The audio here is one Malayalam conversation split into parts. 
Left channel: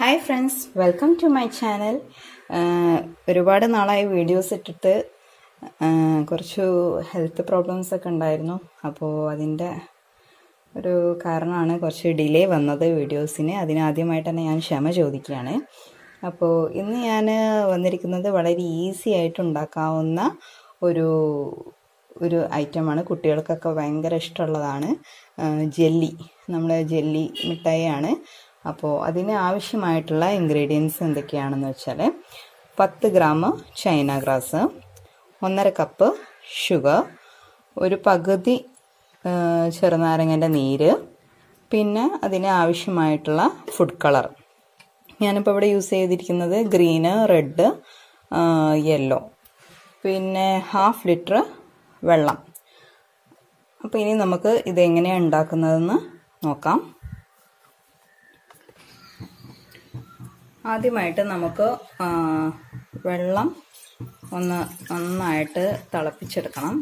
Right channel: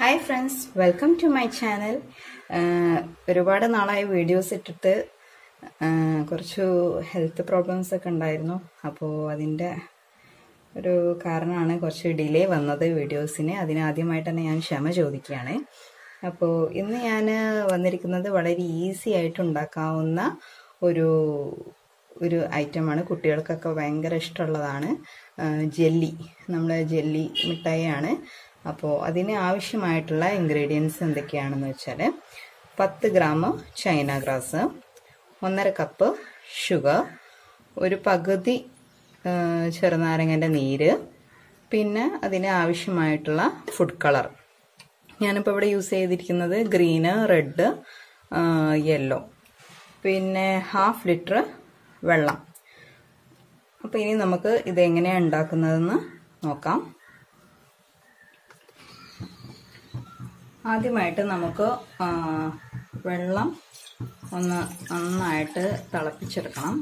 Hi friends, welcome to my channel. ഒരുപാട് നാളായി വീഡിയോസ് ഇട്ടിട്ട് കുറച്ച് ഹെൽത്ത് പ്രോബ്ലംസ് ഒക്കെ ഉണ്ടായിരുന്നു. അപ്പോൾ അതിൻ്റെ ഒരു കാരണമാണ് കുറച്ച് ഡിലേ വന്നത് വീഡിയോസിന്. അതിനാദ്യമായിട്ട് തന്നെ ഞാൻ ക്ഷമ ചോദിക്കുകയാണ്. അപ്പോൾ ഇന്ന് ഞാൻ വന്നിരിക്കുന്നത് വളരെ ഈസി ആയിട്ട് ഉണ്ടാക്കാവുന്ന ഒരു ഐറ്റമാണ്. കുട്ടികൾക്കൊക്കെ ഭയങ്കര ഇഷ്ടമുള്ളതാണ്. ജെല്ലി, നമ്മുടെ ജെല്ലി മിഠായിയാണ്. അപ്പോൾ അതിന് ആവശ്യമായിട്ടുള്ള ഇൻഗ്രീഡിയൻസ് എന്തൊക്കെയാണെന്ന് വെച്ചാൽ 10 gram China grass, 1.5 cup sugar, ഒരു പകുതി ചെറുനാരങ്ങൻ്റെ നീര്, പിന്നെ അതിന് ആവശ്യമായിട്ടുള്ള ഫുഡ് കളർ. ഞാനിപ്പോൾ ഇവിടെ യൂസ് ചെയ്തിരിക്കുന്നത് ഗ്രീന്, റെഡ്, യെല്ലോ, പിന്നെ 1/2 ലിറ്റർ വെള്ളം. അപ്പോൾ ഇനി നമുക്ക് ഇതെങ്ങനെയാണ് ഉണ്ടാക്കുന്നതെന്ന് നോക്കാം. ആദ്യമായിട്ട് നമുക്ക് വെള്ളം ഒന്ന് നന്നായിട്ട് തിളപ്പിച്ചെടുക്കണം.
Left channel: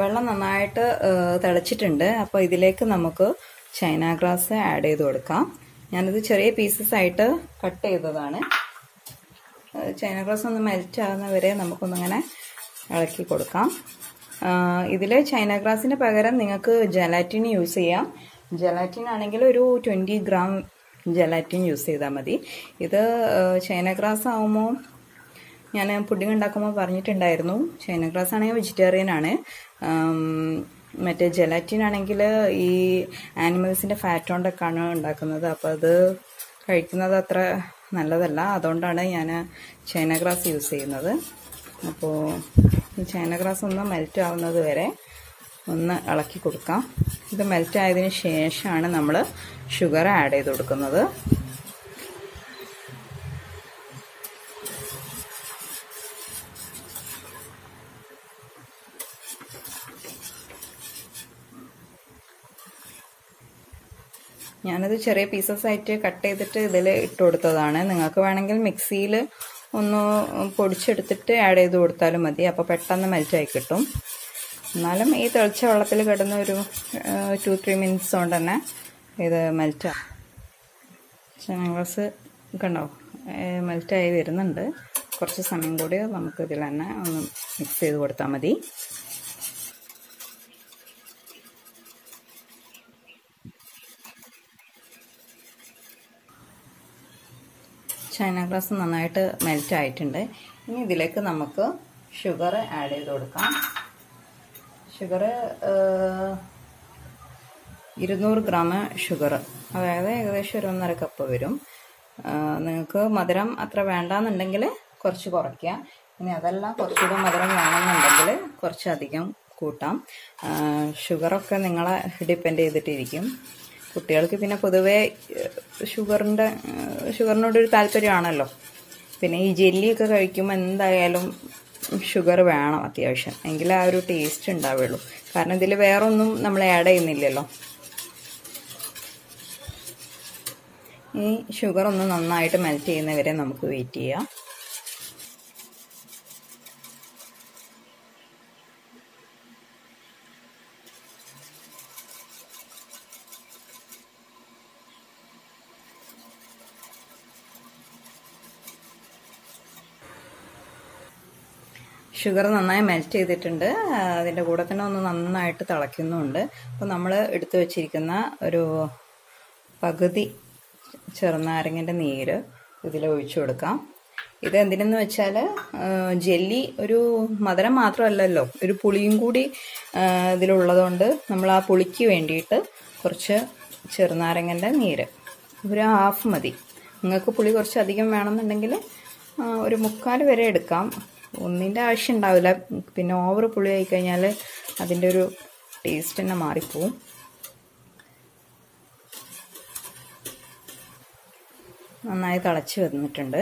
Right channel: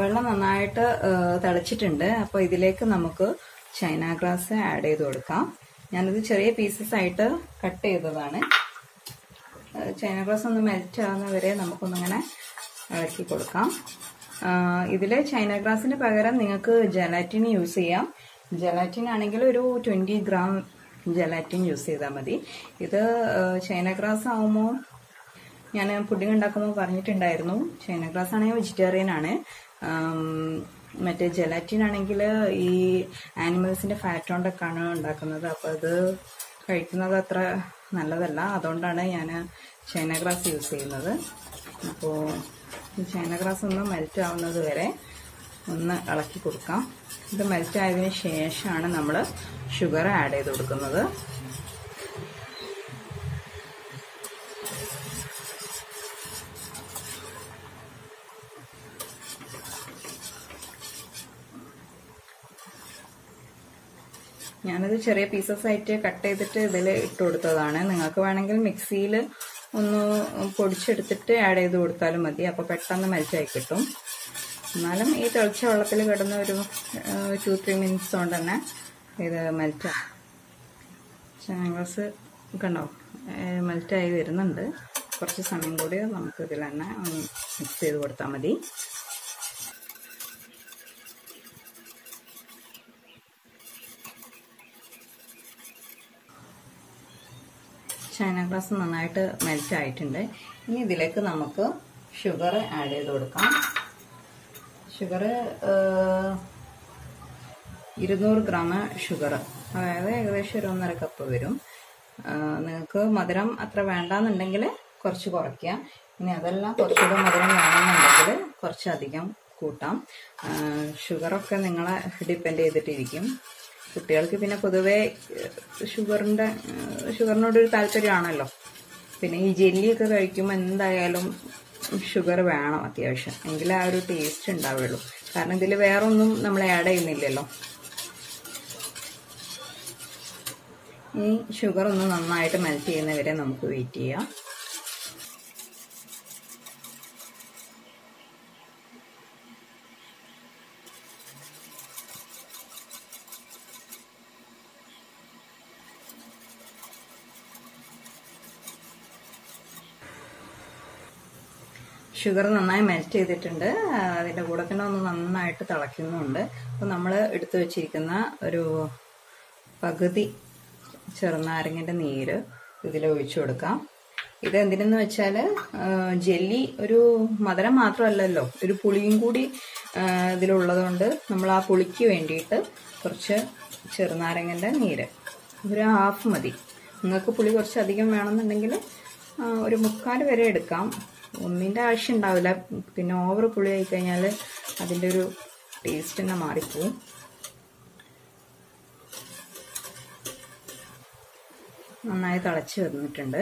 വെള്ളം നന്നായിട്ട് തിളച്ചിട്ടുണ്ട്. അപ്പോൾ ഇതിലേക്ക് നമുക്ക് ചൈന ഗ്രാസ് ആഡ് ചെയ്ത് കൊടുക്കാം. ഞാനിത് ചെറിയ പീസസ് ആയിട്ട് കട്ട് ചെയ്തതാണ്. ചൈന ഗ്രാസ് ഒന്ന് മെൽറ്റ് ആകുന്നവരെ നമുക്കൊന്നിങ്ങനെ ഇളക്കി കൊടുക്കാം. ഇതിൽ ചൈന ഗ്രാസിന് പകരം നിങ്ങൾക്ക് ജലാറ്റിൻ യൂസ് ചെയ്യാം. ജലാറ്റിൻ ആണെങ്കിൽ ഒരു 20 ഗ്രാം ജലാറ്റിൻ യൂസ് ചെയ്താൽ മതി. ഇത് ചൈന ഗ്രാസ് ആകുമ്പോൾ ഞാൻ പുഡിംഗ് ഉണ്ടാക്കുമ്പോൾ പറഞ്ഞിട്ടുണ്ടായിരുന്നു, ചൈന ഗ്രാസ് ആണെങ്കിൽ വെജിറ്റേറിയൻ ആണ്. മറ്റേ ജലാറ്റിൻ ആണെങ്കിൽ ഈ ആനിമൽസിൻ്റെ ഫാറ്റ് കൊണ്ടൊക്കെയാണ് ഉണ്ടാക്കുന്നത്. അപ്പോൾ അത് കഴിക്കുന്നത് അത്ര നല്ലതല്ല. അതുകൊണ്ടാണ് ഞാൻ ചൈന ഗ്രാസ് യൂസ് ചെയ്യുന്നത്. അപ്പോൾ ചൈന ഗ്രാസ് ഒന്ന് മെൽറ്റ് ആവുന്നത് വരെ ഒന്ന് ഇളക്കി കൊടുക്കാം. ഇത് മെൽറ്റ് ആയതിനു ശേഷമാണ് നമ്മൾ ഷുഗർ ആഡ് ചെയ്ത് കൊടുക്കുന്നത്. ഞാനിത് ചെറിയ പീസസ് ആയിട്ട് കട്ട് ചെയ്തിട്ട് ഇതിൽ ഇട്ട് കൊടുത്തതാണ്. നിങ്ങൾക്ക് വേണമെങ്കിൽ മിക്സിയിൽ ഒന്ന് പൊടിച്ചെടുത്തിട്ട് ആഡ് ചെയ്ത് കൊടുത്താലും മതി. അപ്പോൾ പെട്ടെന്ന് മെൽറ്റായി കിട്ടും. എന്നാലും ഈ തിളച്ച വെള്ളത്തിൽ കിടന്ന് ഒരു 2-3 മിനിറ്റ്സ് കൊണ്ട് തന്നെ ഇത് മെൽറ്റാകും. ചൈന ഗ്രാസ് കണ്ടോ മെൽറ്റായി വരുന്നുണ്ട്. കുറച്ച് സമയം കൂടി നമുക്ക് ഇതിൽ തന്നെ ഒന്ന് മിക്സ് ചെയ്ത് കൊടുത്താൽ മതി. ചൈന ഗ്രാസ് നന്നായിട്ട് മെൽറ്റ് ആയിട്ടുണ്ട്. ഇനി ഇതിലേക്ക് നമുക്ക് ഷുഗർ ആഡ് ചെയ്ത് കൊടുക്കാം. ഷുഗർ 200 ഗ്രാം ഷുഗർ, അതായത് ഏകദേശം ഒരു 1.5 കപ്പ് വരും. നിങ്ങൾക്ക് മധുരം അത്ര വേണ്ടാന്നുണ്ടെങ്കിൽ കുറച്ച് കുറയ്ക്കുക. ഇനി അതെല്ലാം കുറച്ചുകൂടെ മധുരം വേണമെന്നുണ്ടെങ്കിൽ കുറച്ചധികം കൂട്ടാം. ഷുഗറൊക്കെ നിങ്ങളെ ഡിപ്പെൻഡ് ചെയ്തിട്ടിരിക്കും. കുട്ടികൾക്ക് പിന്നെ പൊതുവേ ഷുഗറിനോടൊരു താല്പര്യമാണല്ലോ. പിന്നെ ഈ ജെല്ലിയൊക്കെ കഴിക്കുമ്പോൾ എന്തായാലും ഷുഗർ വേണം അത്യാവശ്യം, എങ്കിലേ ആ ഒരു ടേസ്റ്റ് ഉണ്ടാവുള്ളൂ. കാരണം ഇതിൽ വേറെ ഒന്നും നമ്മൾ ആഡ് ചെയ്യുന്നില്ലല്ലോ. ഈ ഷുഗർ ഒന്ന് നന്നായിട്ട് മെൽറ്റ് ചെയ്യുന്നവരെ നമുക്ക് വെയിറ്റ് ചെയ്യാം. ഷുഗർ നന്നായി മെൽറ്റ് ചെയ്തിട്ടുണ്ട്. അതിൻ്റെ കൂടെ തന്നെ ഒന്ന് നന്നായിട്ട് തിളയ്ക്കുന്നുണ്ട്. അപ്പോൾ നമ്മൾ എടുത്തു വച്ചിരിക്കുന്ന ഒരു പകുതി ചെറുനാരങ്ങൻ്റെ നീര് ഇതിൽ ഒഴിച്ചു കൊടുക്കാം. ഇത് എന്തിനെന്ന് വെച്ചാൽ ജെല്ലി ഒരു മധുരം മാത്രമല്ലല്ലോ, ഒരു പുളിയും കൂടി ഇതിലുള്ളതുകൊണ്ട് നമ്മൾ ആ പുളിക്ക് വേണ്ടിയിട്ട് കുറച്ച് ചെറുനാരങ്ങൻ്റെ നീര് ഒരു 1/2 മതി. നിങ്ങൾക്ക് പുളി കുറച്ച് അധികം വേണമെന്നുണ്ടെങ്കിൽ ഒരു 3/4 വരെ എടുക്കാം. ഒന്നിൻ്റെ ആവശ്യം ഉണ്ടാവില്ല. പിന്നെ ഓവർ പുളി ആയി കഴിഞ്ഞാൽ അതിൻ്റെ ഒരു ടേസ്റ്റ് തന്നെ മാറിപ്പോവും. നന്നായി തിളച്ച് വന്നിട്ടുണ്ട്.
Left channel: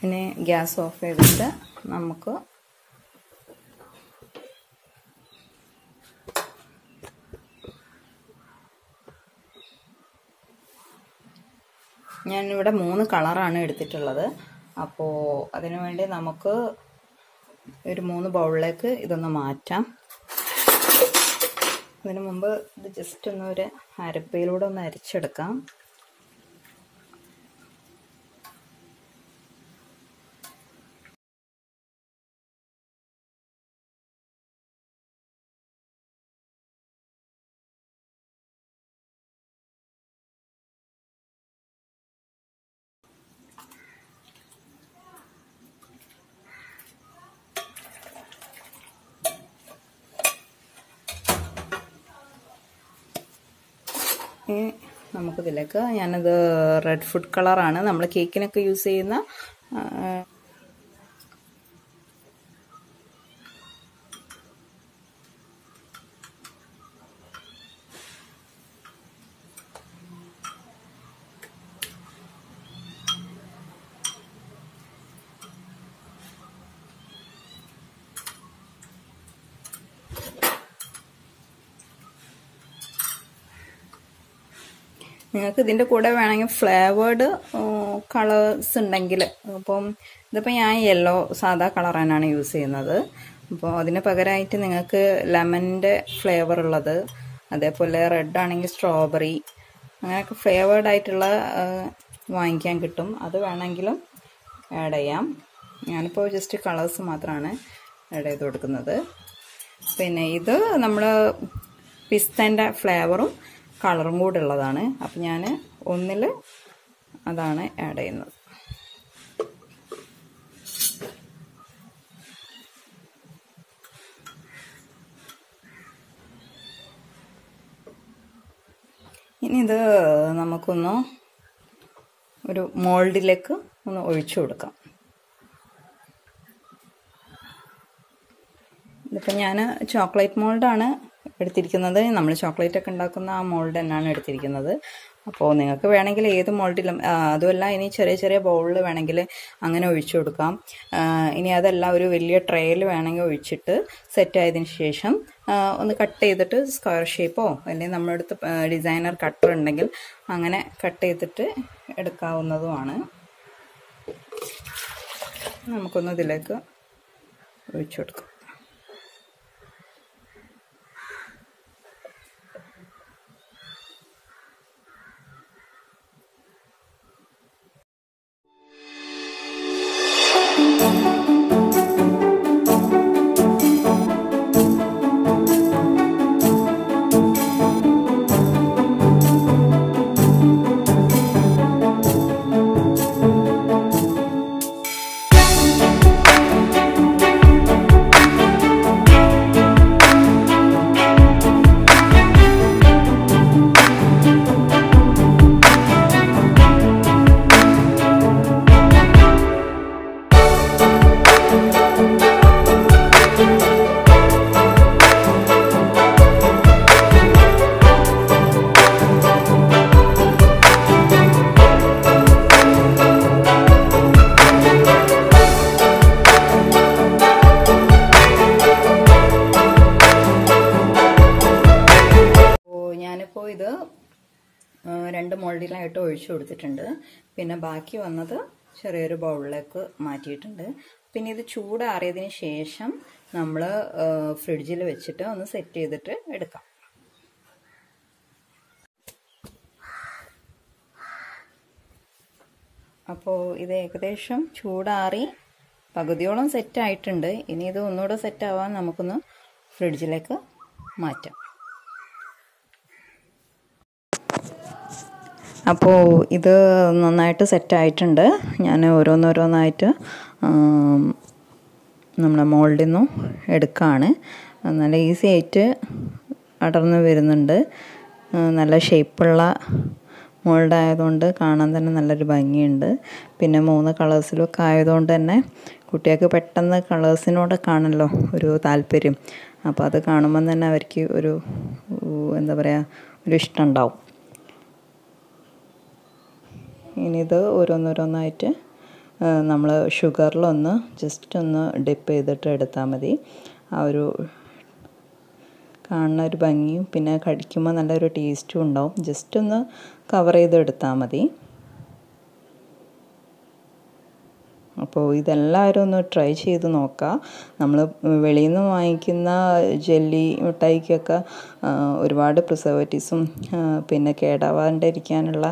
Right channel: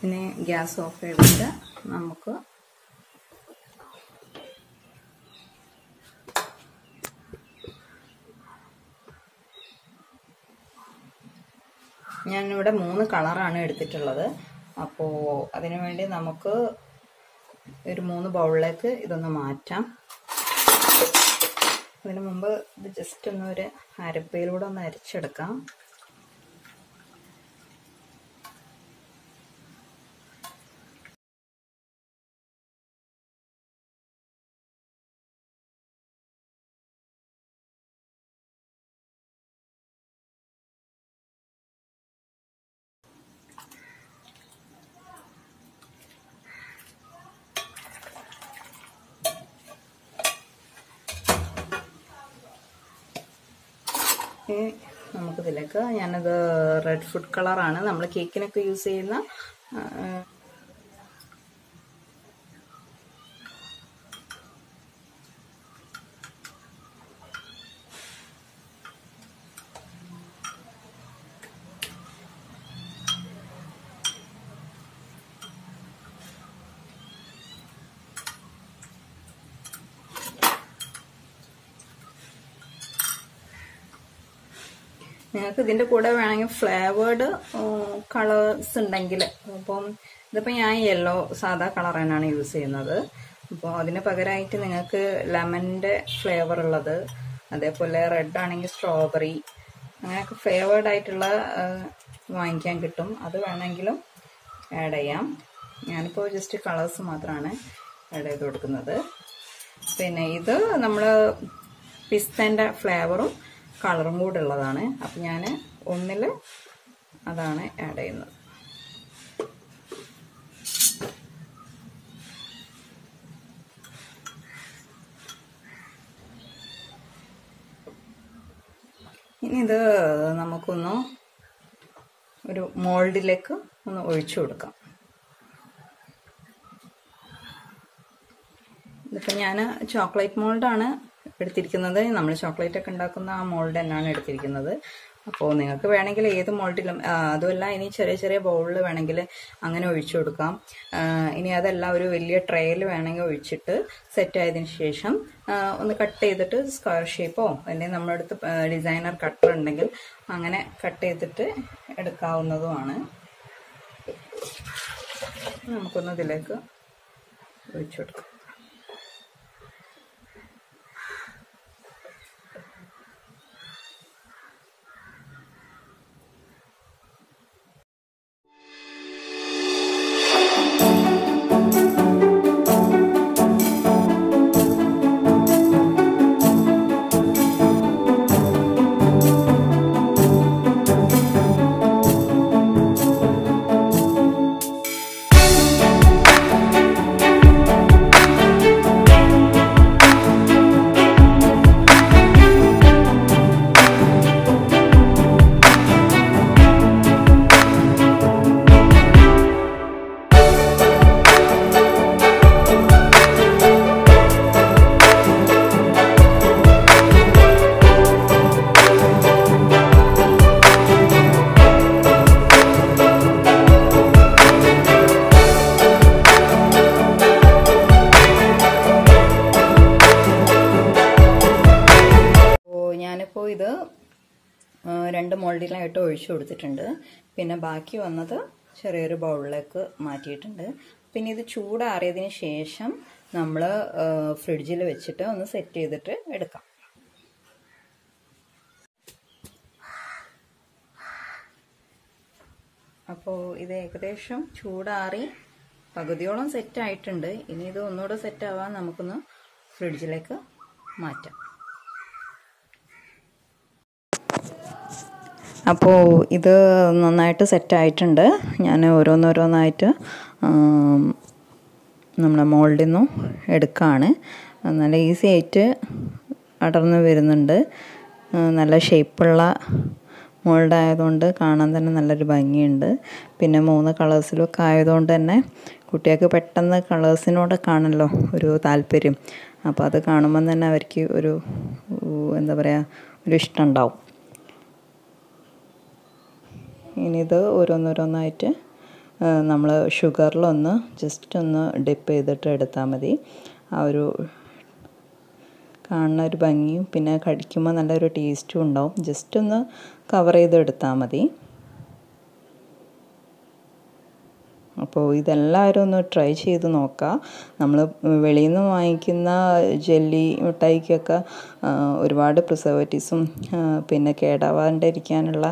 പിന്നെ ഗ്യാസ് ഓഫ് ചെയ്തിട്ട് നമുക്ക് ഞാനിവിടെ 3 കളറാണ് എടുത്തിട്ടുള്ളത്. അപ്പോൾ അതിനു വേണ്ടി നമുക്ക് ഒരു 3 ബൗളിലേക്ക് ഇതൊന്ന് മാറ്റാം. അതിനു മുമ്പ് ഇത് ജസ്റ്റ് ഒന്ന് ഒരു അരപ്പയിലൂടെ ഒന്ന് അരച്ചെടുക്കാം. നമുക്കിതിലേക്ക് ഞാനത് റെഡ് ഫുഡ് കളറാണ് നമ്മൾ കേക്കിനൊക്കെ യൂസ് ചെയ്യുന്ന നിങ്ങൾക്ക് ഇതിൻ്റെ കൂടെ വേണമെങ്കിൽ ഫ്ലേവേർഡ് കളേഴ്സ് ഉണ്ടെങ്കിൽ, അപ്പം ഇതിപ്പോൾ ഞാൻ യെല്ലോ സാധാ കളർ തന്നെയാണ് യൂസ് ചെയ്യുന്നത്. അപ്പോൾ അതിന് പകരമായിട്ട് നിങ്ങൾക്ക് ലെമണിൻ്റെ ഫ്ലേവർ ഉള്ളത്, അതേപോലെ റെഡ് ആണെങ്കിൽ സ്ട്രോബെറി, അങ്ങനെയൊക്കെ ഫ്ലേവേർഡ് ആയിട്ടുള്ള വാങ്ങിക്കാൻ കിട്ടും. അത് വേണമെങ്കിലും ആഡ് ചെയ്യാം. ഞാനിപ്പോൾ ജസ്റ്റ് കളേഴ്സ് മാത്രമാണ് ആഡ് ചെയ്ത് കൊടുക്കുന്നത്. പിന്നെ ഇത് നമ്മൾ പിസ്തൻ്റെ ഫ്ലേവറും കളറും കൂടെ ഉള്ളതാണ്. അപ്പം ഞാൻ ഒന്നിൽ അതാണ് ആഡ് ചെയ്യുന്നത്. ഇനി ഇത് നമുക്കൊന്ന് ഒരു മോൾഡിലേക്ക് ഒന്ന് ഒഴിച്ചു കൊടുക്കാം. ഇതിപ്പോൾ ഞാൻ ചോക്ലേറ്റ് മോൾഡാണ് എടുത്തിരിക്കുന്നത്. നമ്മൾ ചോക്ലേറ്റ് ഒക്കെ ഉണ്ടാക്കുന്ന ആ മോൾഡ് തന്നെയാണ് എടുത്തിരിക്കുന്നത്. അപ്പോൾ നിങ്ങൾക്ക് വേണമെങ്കിൽ ഏത് മോൾഡിലും, അതുമല്ല ഇനി ചെറിയ ചെറിയ ബൗളിൽ വേണമെങ്കിൽ അങ്ങനെ ഒഴിച്ചു കൊടുക്കാം. ഇനി അതല്ല ഒരു വലിയ ട്രേയിൽ വേണമെങ്കിൽ ഒഴിച്ചിട്ട് സെറ്റ് ആയതിനു ശേഷം ഒന്ന് കട്ട് ചെയ്തിട്ട് സ്ക്വയർ ഷേപ്പോ അല്ലെങ്കിൽ നമ്മുടെ അടുത്ത് ഡിസൈനർ കട്ടർ ഉണ്ടെങ്കിൽ അങ്ങനെ കട്ട് ചെയ്തിട്ട് എടുക്കാവുന്നതുമാണ്. നമുക്കൊന്ന് ഇതിലേക്ക് ഒഴിച്ചു കൊടുക്കാം. ഇത് 2 മോൾഡിലായിട്ട് ഒഴിച്ചു കൊടുത്തിട്ടുണ്ട്. പിന്നെ ബാക്കി വന്നത് ചെറിയൊരു ബൗളിലേക്ക് മാറ്റിയിട്ടുണ്ട്. പിന്നെ ഇത് ചൂടാറിയതിന് ശേഷം നമ്മൾ ഫ്രിഡ്ജിൽ വെച്ചിട്ട് ഒന്ന് സെറ്റ് ചെയ്തിട്ട് എടുക്കാം. അപ്പോൾ ഇത് ഏകദേശം ചൂടാറി പകുതിയോളം സെറ്റ് ആയിട്ടുണ്ട്. ഇനി ഇത് ഒന്നുകൂടെ സെറ്റ് ആവാൻ നമുക്കൊന്ന് ഫ്രിഡ്ജിലേക്ക് മാറ്റാം. അപ്പോൾ ഇത് നന്നായിട്ട് സെറ്റായിട്ടുണ്ട്. ഞാൻ ഓരോന്നോരോന്നായിട്ട് നമ്മുടെ മോൾഡിൽ നിന്നും എടുക്കുകയാണ്. നല്ല ഈസി ആയിട്ട് അടർന്ന് വരുന്നുണ്ട്. നല്ല ഷേപ്പുള്ള മോൾഡായതുകൊണ്ട് കാണാൻ തന്നെ നല്ലൊരു ഭംഗിയുണ്ട്. പിന്നെ 3 കളേഴ്സിലൊക്കെ ആയതുകൊണ്ട് തന്നെ കുട്ടികൾക്ക് പെട്ടെന്ന് കളേഴ്സിനോടൊക്കെ ആണല്ലോ ഒരു താല്പര്യം. അപ്പോൾ അത് കാണുമ്പം തന്നെ അവർക്ക് ഒരു എന്താ പറയുക, ഒരു ഇഷ്ടം ഉണ്ടാവും. ഇനി ഇത് ഓരോന്നോരോന്നായിട്ട് നമ്മൾ ഷുഗറിലൊന്ന് ജസ്റ്റ് ഒന്ന് ഡിപ്പ് ചെയ്തിട്ട് എടുത്താൽ മതി. ആ ഒരു കാണുന്ന ഒരു ഭംഗിയും പിന്നെ കടിക്കുമ്പോൾ നല്ലൊരു ടേസ്റ്റും ഉണ്ടാവും. ജസ്റ്റ് ഒന്ന് കവർ ചെയ്ത് എടുത്താൽ മതി. അപ്പോൾ ഇതെല്ലാവരും ഒന്ന് ട്രൈ ചെയ്ത് നോക്കുക. നമ്മൾ വെളിയിൽ നിന്ന് വാങ്ങിക്കുന്ന ജെല്ലി മിഠായിക്കൊക്കെ ഒരുപാട് പ്രിസർവേറ്റീവ്സും പിന്നെ കേടാവാണ്ടിരിക്കാനുള്ള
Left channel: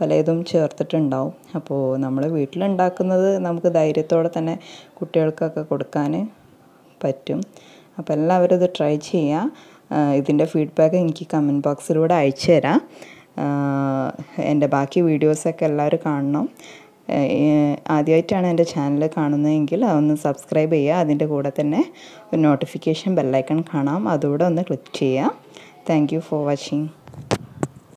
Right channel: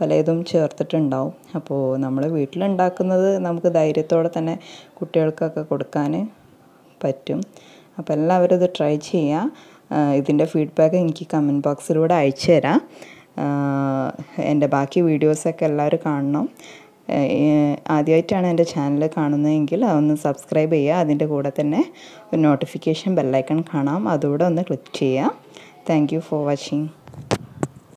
പലതും ചേർത്തിട്ടുണ്ടാവും. അപ്പോൾ നമ്മൾ വീട്ടിലുണ്ടാക്കുന്നത് നമുക്ക് ധൈര്യത്തോടെ തന്നെ കുട്ടികൾക്കൊക്കെ കൊടുക്കാൻ പറ്റും. അപ്പോൾ എല്ലാവരും ഇത് ട്രൈ ചെയ്യുക. ഇതിൻ്റെ ഫീഡ്ബാക്ക് എനിക്ക് കമൻറ്റ് ബോക്സിലൂടെ അയച്ചു തരാം. എൻ്റെ ബാക്കി വീഡിയോസൊക്കെ എല്ലാവരും കാണണം. ആദ്യമായിട്ടാണ് എൻ്റെ ചാനൽ കാണുന്നതെങ്കിൽ അതൊന്ന് സബ്സ്ക്രൈബ് ചെയ്യുക. അതിൻ്റെ കൂടെ തന്നെ ഒരു നോട്ടിഫിക്കേഷൻ ബെല്ലൈക്കൺ കാണാം, അതുകൂടെ ഒന്ന് ക്ലിക്ക് ചെയ്യുക. Thank you for watching.